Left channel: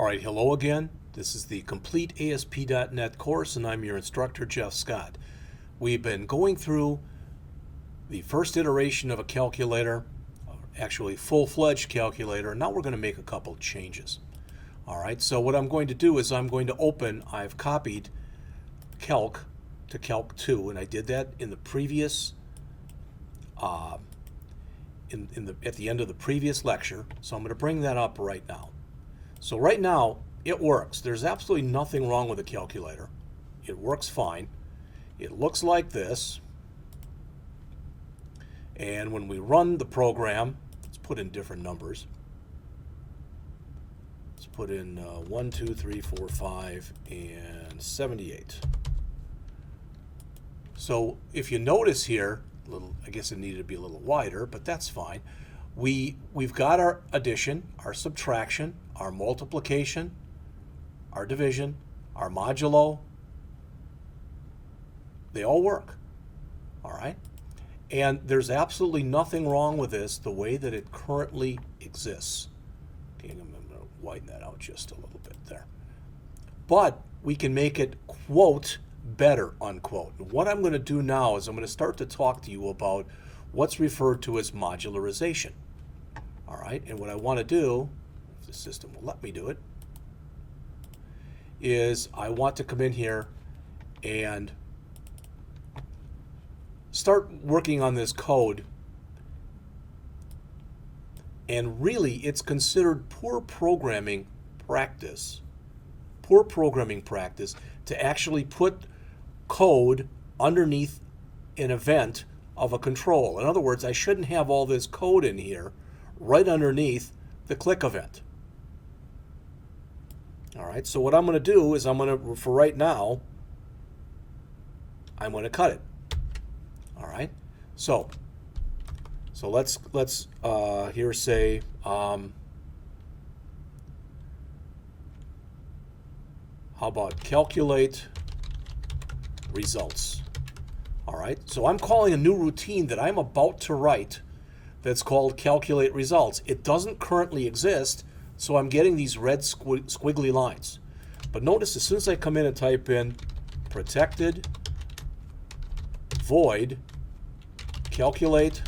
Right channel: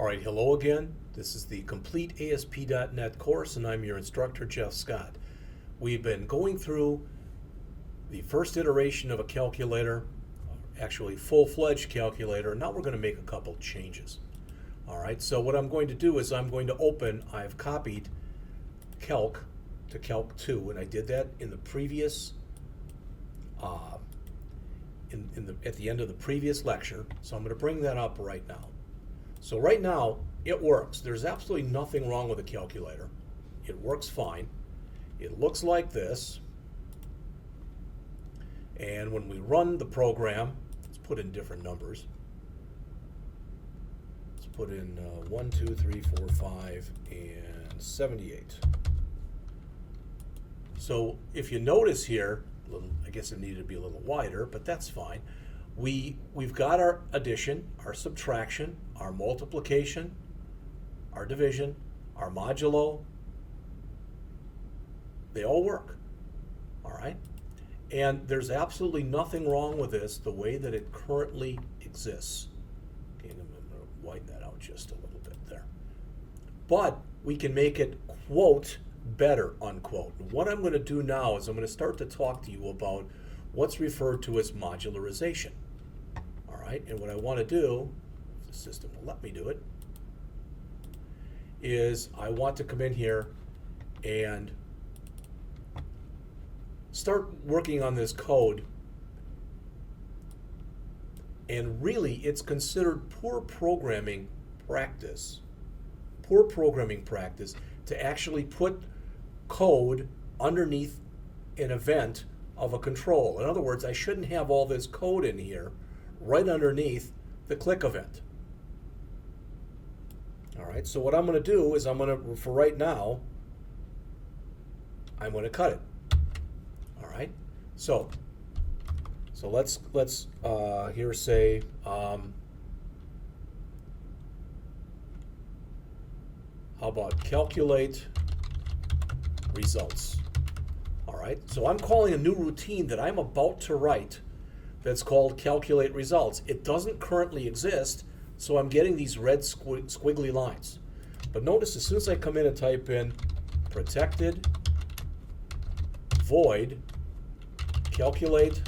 All right, hello again. This is the Complete ASP.NET course, and I'm your instructor, Jeff Scott. We've been going through the first iteration of a calculator, actually full-fledged calculator, and now we're going to make a couple changes. All right, so what I'm going to do is I've copied Calc to Calc 2, and I did that in the previous, at the end of the previous lecture, so I'm going to bring that up right now. So right now, it works. There's absolutely nothing wrong with the calculator. It works fine. It looks like this. And when we run the program, let's put in different numbers. Let's put in 1, 2, 3, 4, 5, and 78. So if you notice here, I guess it needed to be a little wider, but that's fine. We've got our addition, our subtraction, our multiplication, our division, our modulo. They all work, all right? And there's absolutely nothing wrong with this the way that it currently exists. Okay, I'm going to widen that out just a little bit there. But we can make it, quote, better, unquote. And what I'm going to do now is I'm going to start to talk to you about what's referred to as modularization. All right, and what I want to do, if the system will let me do it, is I want to come in here and start working on this code. And really, it's considered poor programming practice to actually put code underneath an event of a control. In other words, I shouldn't have all this code in here right underneath the click event. All right, so what I'm going to do is for right now, I'm going to cut it. All right, so let's here say how about calculate results. All right, so I'm calling a new routine that I'm about to write that's called calculate results. It doesn't currently exist, so I'm getting these red squiggly lines. But notice as soon as I come in and type in protected void calculate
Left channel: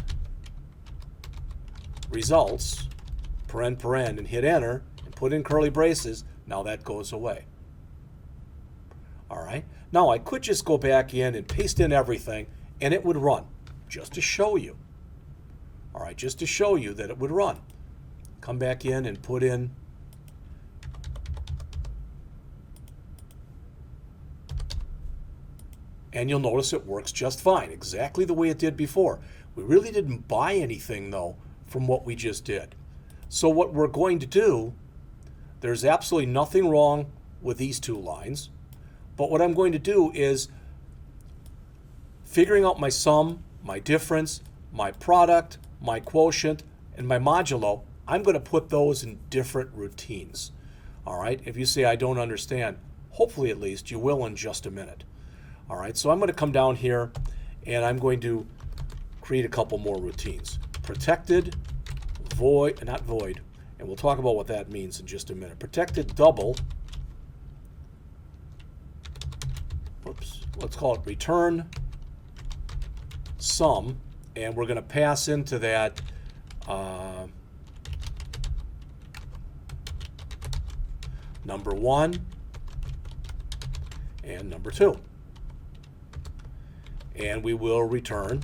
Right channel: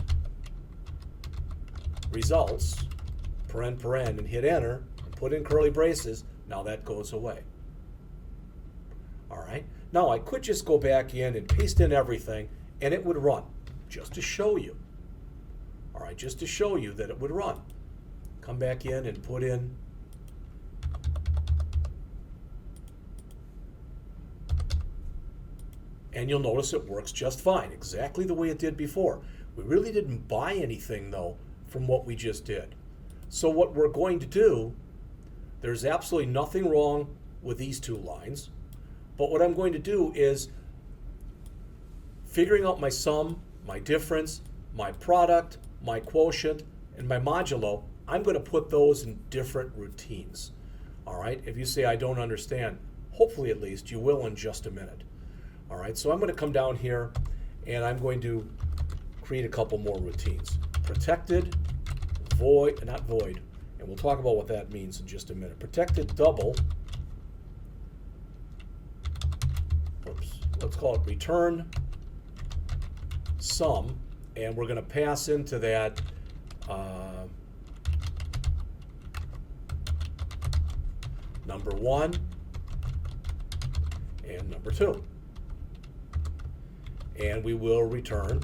results paren and hit enter and put in curly braces, now that goes away. All right, now I could just go back in and paste in everything and it would run, just to show you. All right, just to show you that it would run. Come back in and put in and you'll notice it works just fine, exactly the way it did before. We really didn't buy anything though from what we just did. So what we're going to do, there's absolutely nothing wrong with these two lines, but what I'm going to do is figuring out my sum, my difference, my product, my quotient, and my modulo. I'm going to put those in different routines. All right, if you say I don't understand, hopefully at least you will in just a minute. All right, so I'm going to come down here and I'm going to create a couple more routines. Protected void, not void, and we'll talk about what that means in just a minute. Protected double, oops, let's call it return sum, and we're going to pass into that number 1 and number 2. And we will return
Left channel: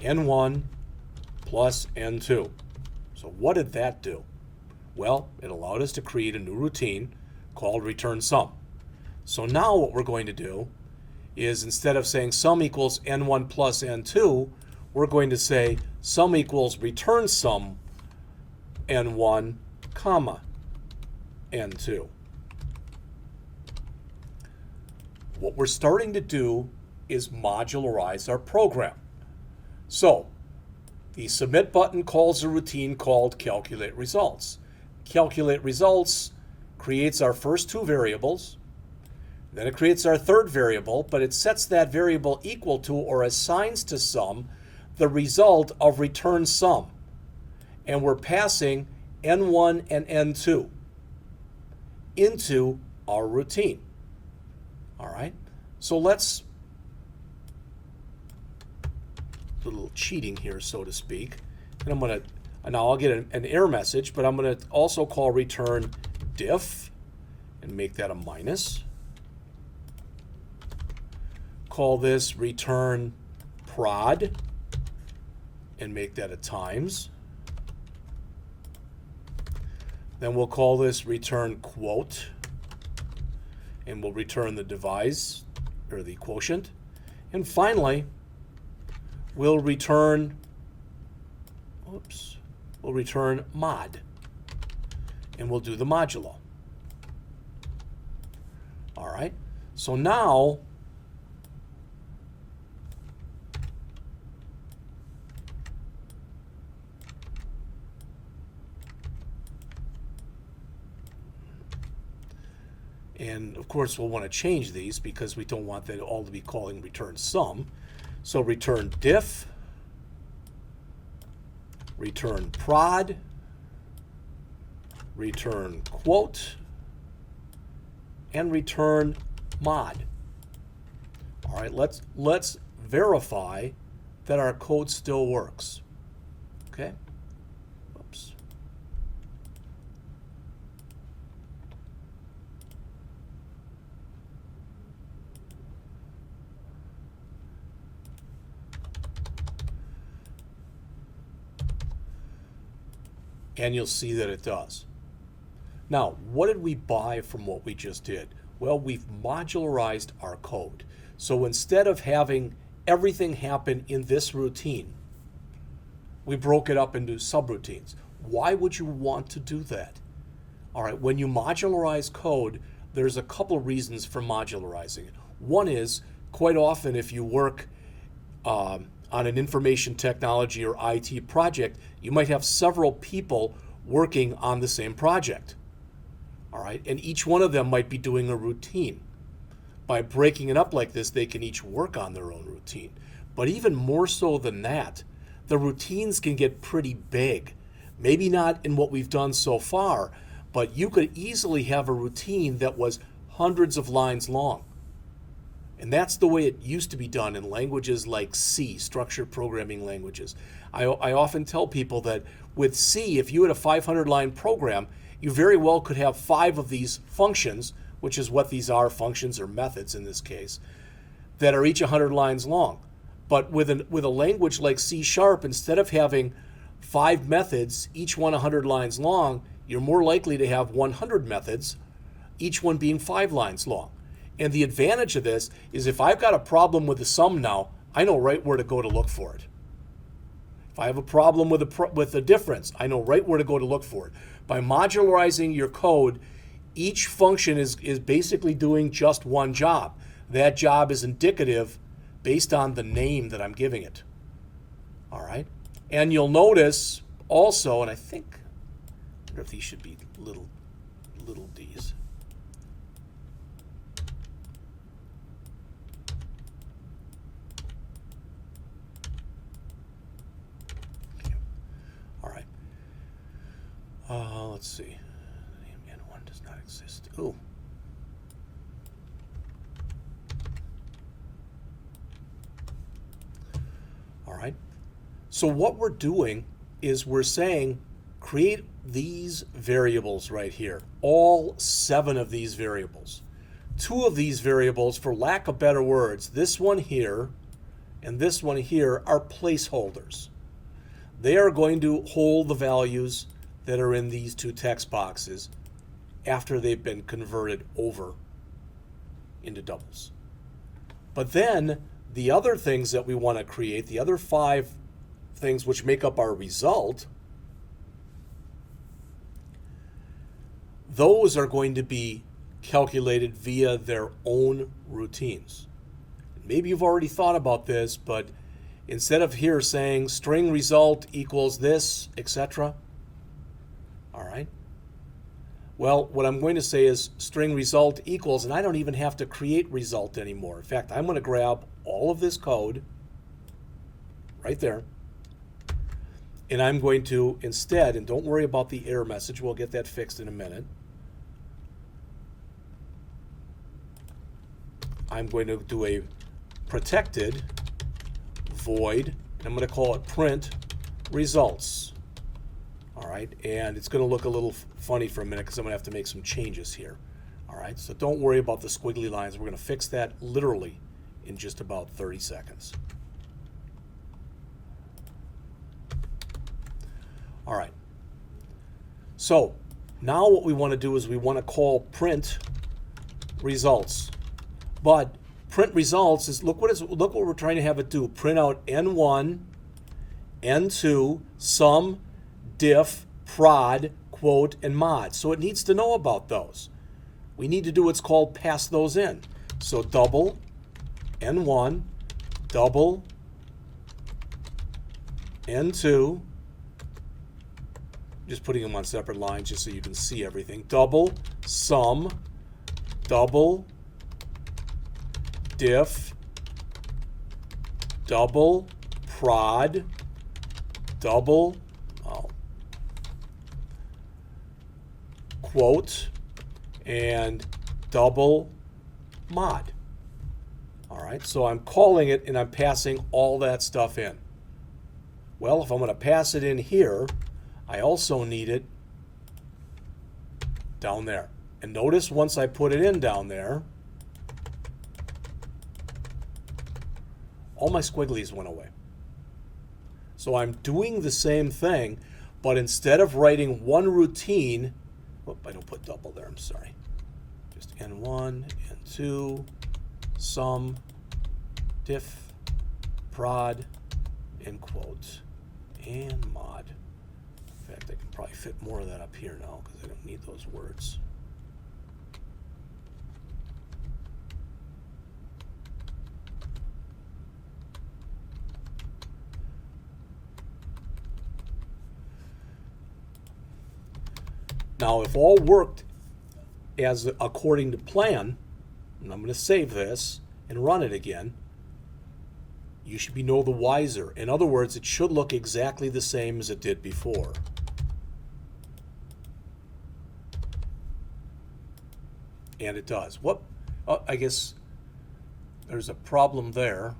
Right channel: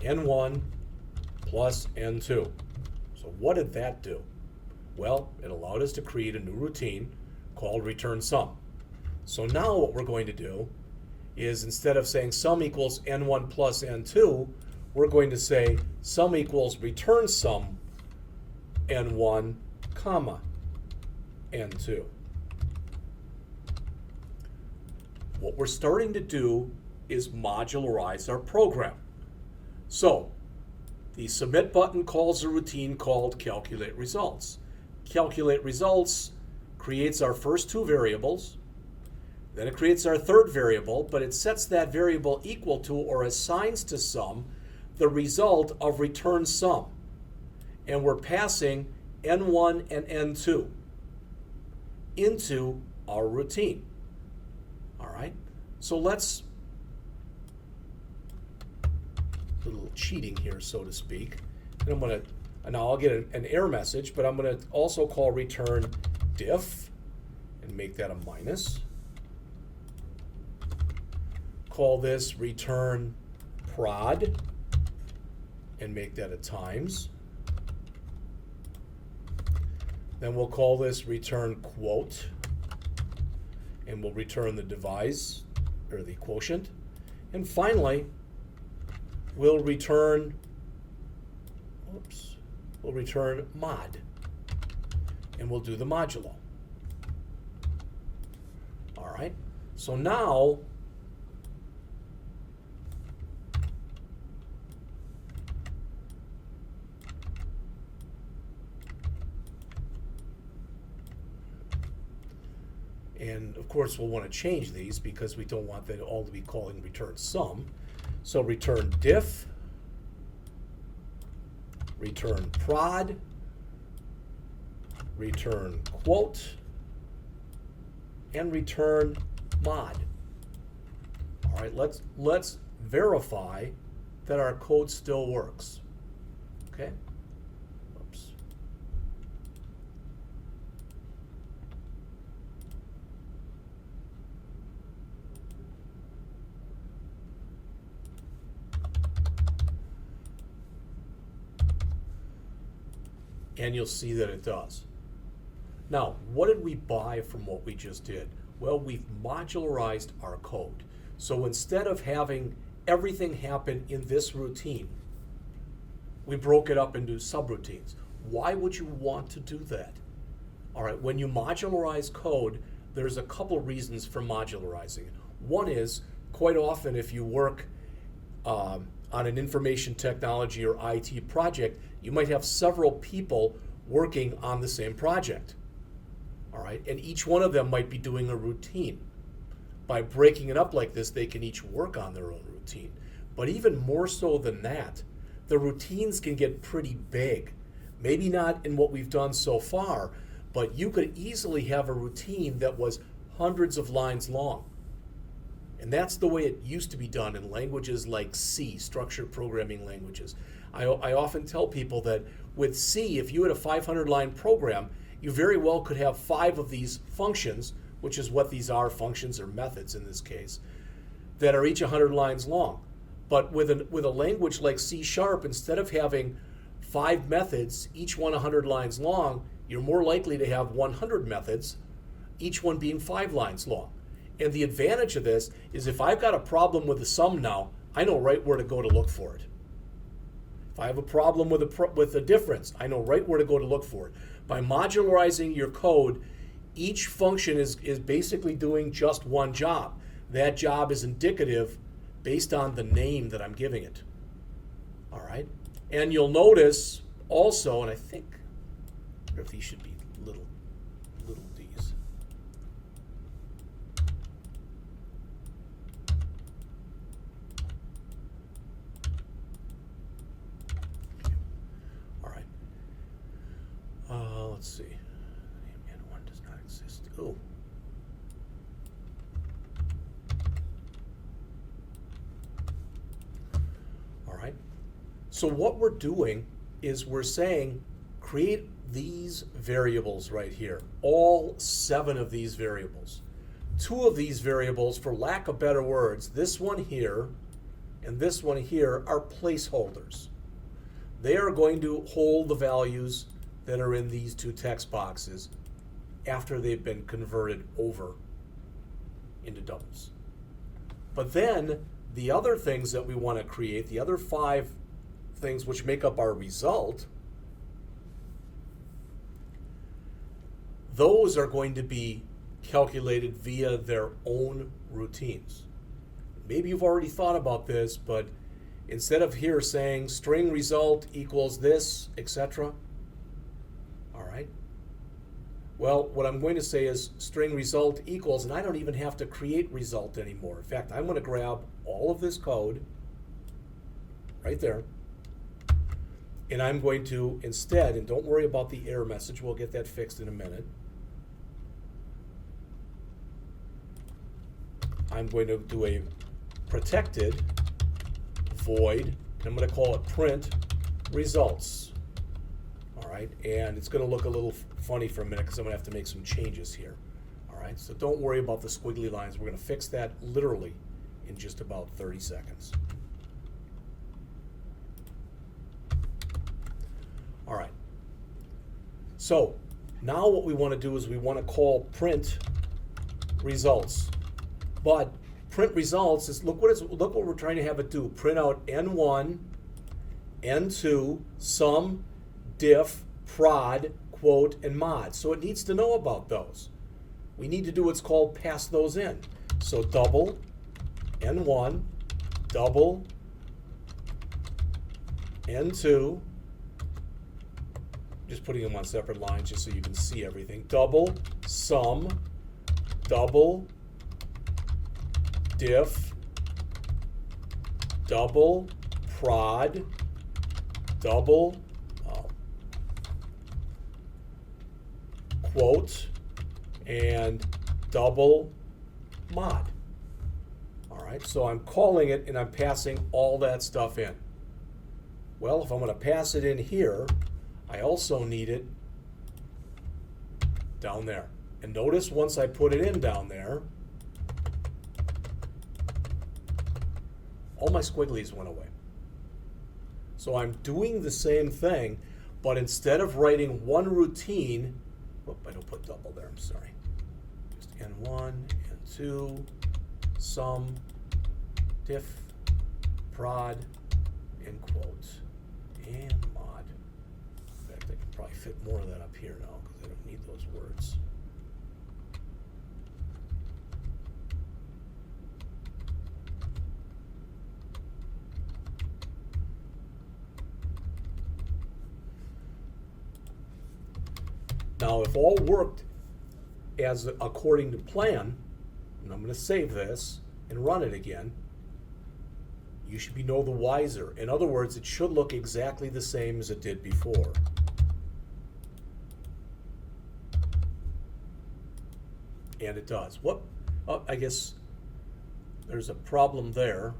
n1 plus n2. So what did that do? Well, it allowed us to create a new routine called return sum. So now what we're going to do is instead of saying sum equals n1 plus n2, we're going to say sum equals return sum n1 comma n2. What we're starting to do is modularize our program. So the submit button calls a routine called calculate results. Calculate results creates our first two variables. Then it creates our third variable, but it sets that variable equal to or assigns to sum the result of return sum. And we're passing N1 and N2 into our routine. All right, so let's, a little cheating here, so to speak. And I'm going to, now I'll get an error message, but I'm going to also call return diff and make that a minus. Call this return prod and make that a times. Then we'll call this return quote and we'll return the divisor or the quotient. And finally, we'll return, we'll return mod and we'll do the modulo. All right, so now and of course we'll want to change these because we don't want that all to be calling return sum. So return diff, return prod, return quote, and return mod. All right, let's verify that our code still works. Okay. Oops. And you'll see that it does. Now, what did we buy from what we just did? Well, we've modularized our code. So instead of having everything happen in this routine, we broke it up into subroutines. Why would you want to do that? All right, when you modularize code, there's a couple reasons for modularizing it. One is, quite often if you work on an information technology or IT project, you might have several people working on the same project. All right, and each one of them might be doing a routine. By breaking it up like this, they can each work on their own routine. But even more so than that, the routines can get pretty big. Maybe not in what we've done so far, but you could easily have a routine that was hundreds of lines long. And that's the way it used to be done in languages like C, structured programming languages. I often tell people that with C, if you had a 500-line program, you very well could have 5 of these functions, which is what these are, functions or methods in this case, that are each 100 lines long. But with a language like C#, instead of having 5 methods, each one 100 lines long, you're more likely to have 100 methods, each one being 5 lines long. And the advantage of this is if I've got a problem with the sum now, I know right where to go to look for it. If I have a problem with the difference, I know right where to go to look for it. By modularizing your code, each function is basically doing just one job. That job is indicative based on the name that I'm giving it. All right? And you'll notice also, and I wonder if these should be little d's. Okay. All right. Let's see. N1 does not exist. Oh. All right. So what we're doing is we're saying create these variables right here, all 7 of these variables. 2 of these variables, for lack of better words, this one here and this one here are placeholders. They are going to hold the values that are in these 2 text boxes after they've been converted over into doubles. But then the other things that we want to create, the other 5 things which make up our result, those are going to be calculated via their own routines. Maybe you've already thought about this, but instead of here saying string result equals this, etc., all right, well, what I'm going to say is string result equals, and I don't even have to create result anymore. In fact, I'm going to grab all of this code right there, And I'm going to instead, and don't worry about the error message, we'll get that fixed in a minute. I'm going to do a protected void, and I'm going to call it print results. All right, and it's going to look a little funny for a minute because I'm going to have to make some changes here. All right, so don't worry about the squiggly lines. We're going to fix that literally in just about 30 seconds. All right, so now what we want to do is we want to call print results. But print results is, look what we're trying to have it do. Print out N1, N2, sum, diff, prod, quote, and mod. So it needs to know about those. We need to do what's called pass those in. So double N1, double N2, just putting them on separate lines just so you can see everything. Double sum, double diff, double prod, double quote, and double mod. All right, so I'm calling it and I'm passing all that stuff in. Well, if I'm going to pass it in here, I also need it down there. And notice once I put it in down there, all my squigglies went away. So I'm doing the same thing, but instead of writing one routine, I don't put double there, I'm sorry. Just N1, N2, sum, diff, prod, and quote, and mod. In fact, I can probably fit more of that up here now because I don't need those words. Now, if all worked as according to plan, and I'm going to save this and run it again, you should be no the wiser. In other words, it should look exactly the same as it did before. And it does. What? I guess there's a problem there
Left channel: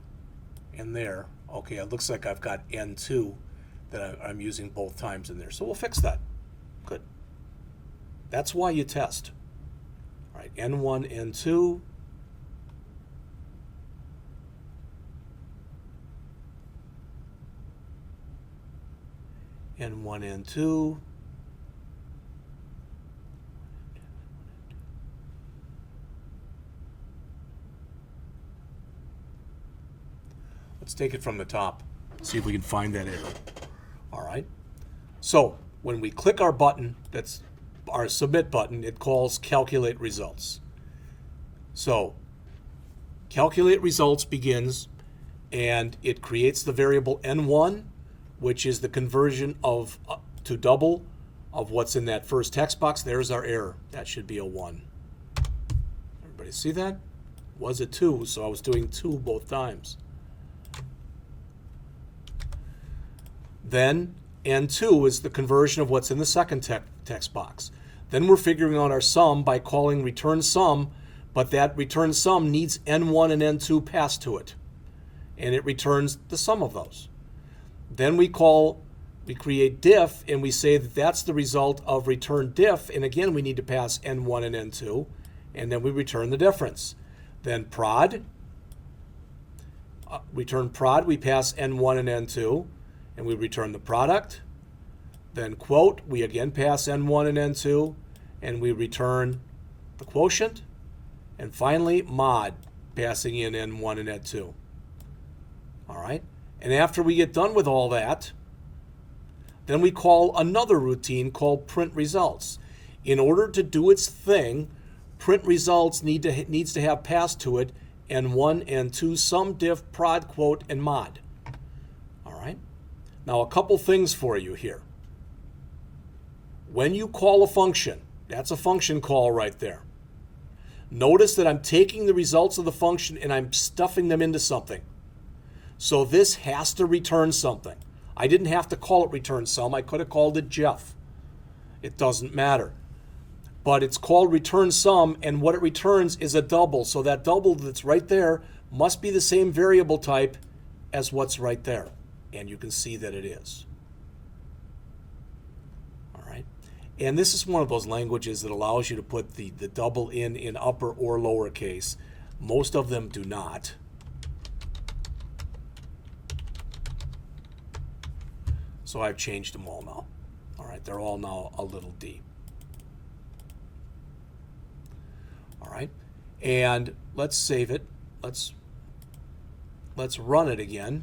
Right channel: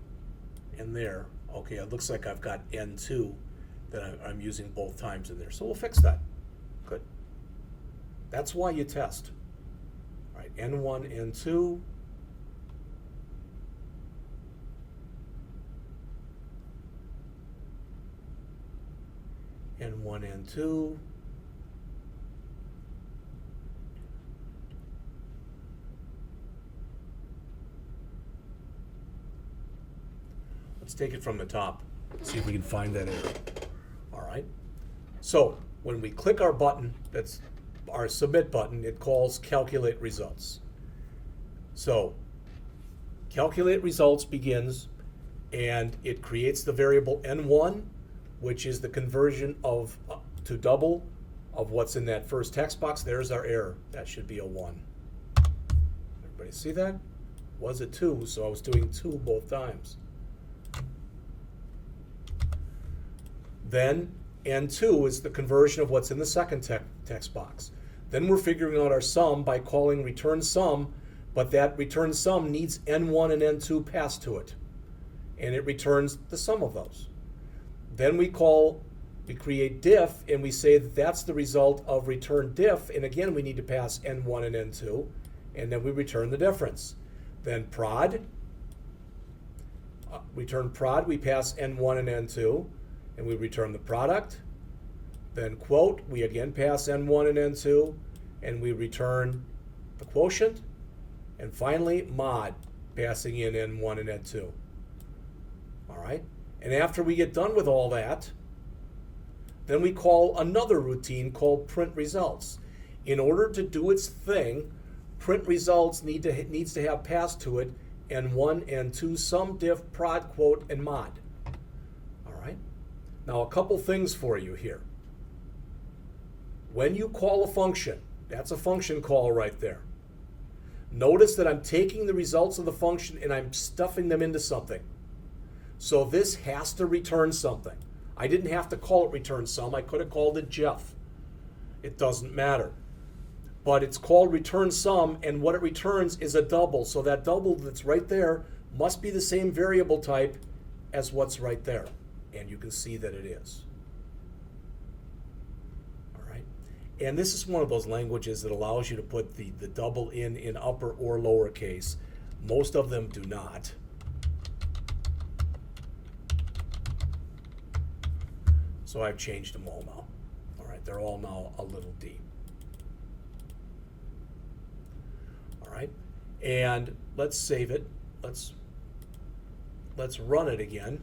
and there. Okay, it looks like I've got N2 that I'm using both times in there. So we'll fix that. Good. That's why you test. All right, N1, N2. N1, N2. Let's take it from the top. See if we can find that error. All right. So when we click our button, that's our submit button, it calls calculate results. So calculate results begins and it creates the variable N1, which is the conversion of to double of what's in that first text box. There's our error. That should be a 1. Everybody see that? Was a 2, so I was doing 2 both times. Then N2 is the conversion of what's in the second text box. Then we're figuring out our sum by calling return sum, but that return sum needs N1 and N2 passed to it. And it returns the sum of those. Then we create diff, and we say that that's the result of return diff, and again we need to pass N1 and N2, and then we return the difference. Then prod, return prod, we pass N1 and N2, and we return the product. Then quote, we again pass N1 and N2, and we return the quotient. And finally, mod, passing in N1 and N2. All right? And after we get done with all that, then we call another routine called print results. In order to do its thing, print results needs to have passed to it N1, N2, sum, diff, prod, quote, and mod. All right? Now a couple things for you here. When you call a function, that's a function call right there. Notice that I'm taking the results of the function and I'm stuffing them into something. So this has to return something. I didn't have to call it return sum. I could have called it Jeff. It doesn't matter. But it's called return sum, and what it returns is a double. So that double that's right there must be the same variable type as what's right there. And you can see that it is. All right. And this is one of those languages that allows you to put the double in upper or lowercase. Most of them do not. So I've changed them all now. All right, they're all now a little d. All right, and let's save it. Let's run it again.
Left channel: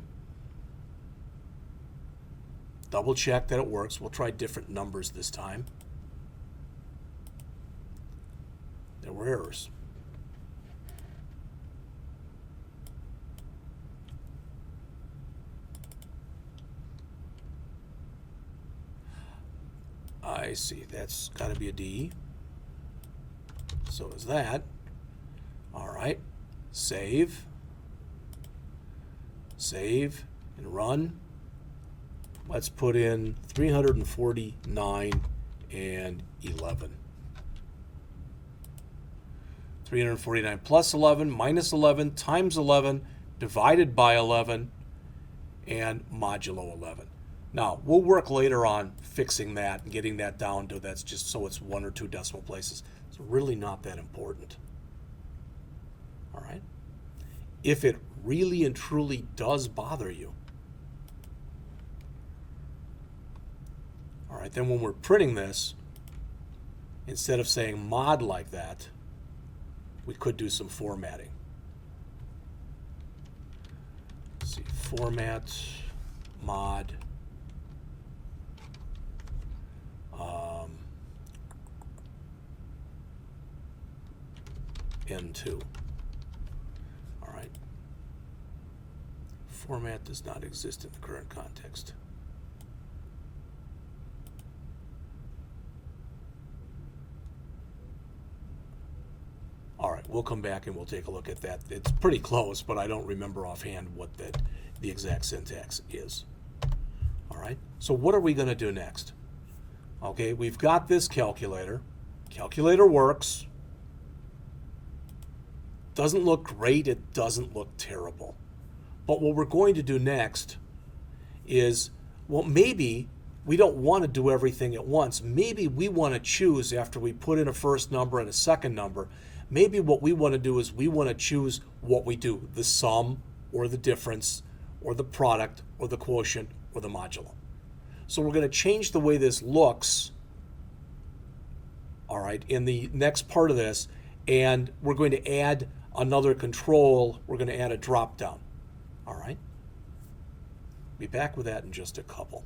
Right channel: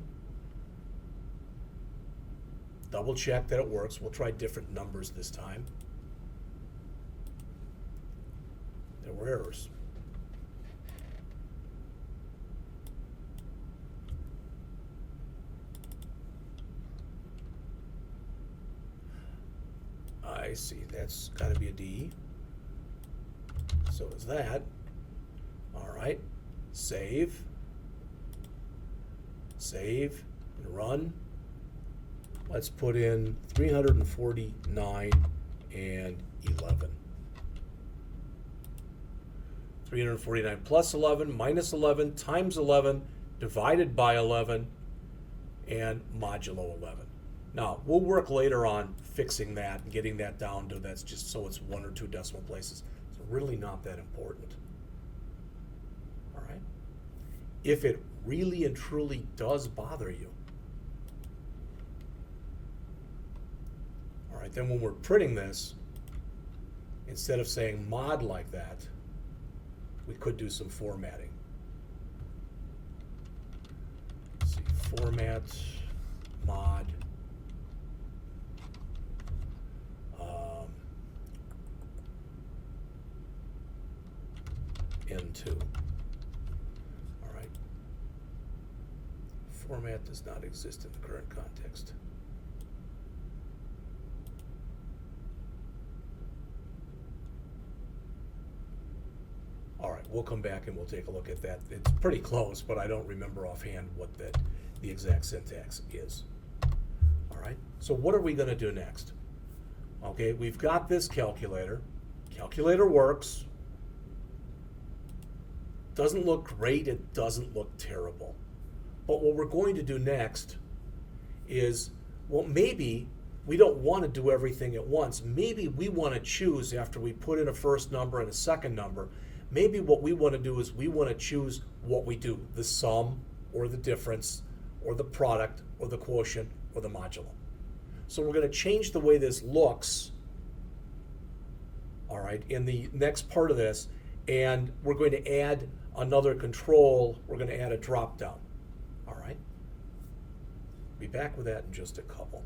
Double check that it works. We'll try different numbers this time. There were errors. I see, that's got to be a D. So is that. All right, save, and run. Let's put in 349 and 11. 349 plus 11 minus 11 times 11 divided by 11 and modulo 11. Now, we'll work later on fixing that and getting that down to that's just so it's 1 or 2 decimal places. It's really not that important. All right? If it really and truly does bother you, all right, then when we're printing this, instead of saying mod like that, we could do some formatting. Let's see, format, mod, N2. All right. Format does not exist in the current context. All right, we'll come back and we'll take a look at that. It's pretty close, but I don't remember offhand what the exact syntax is. All right, so what are we going to do next? Okay, we've got this calculator. Calculator works. Doesn't look great, it doesn't look terrible. But what we're going to do next is, well, maybe we don't want to do everything at once. Maybe we want to choose after we put in a first number and a second number. Maybe what we want to do is we want to choose what we do, the sum or the difference or the product or the quotient or the modulo. So we're going to change the way this looks, all right, in the next part of this, and we're going to add another control. We're going to add a drop down, all right? Be back with that in just a couple.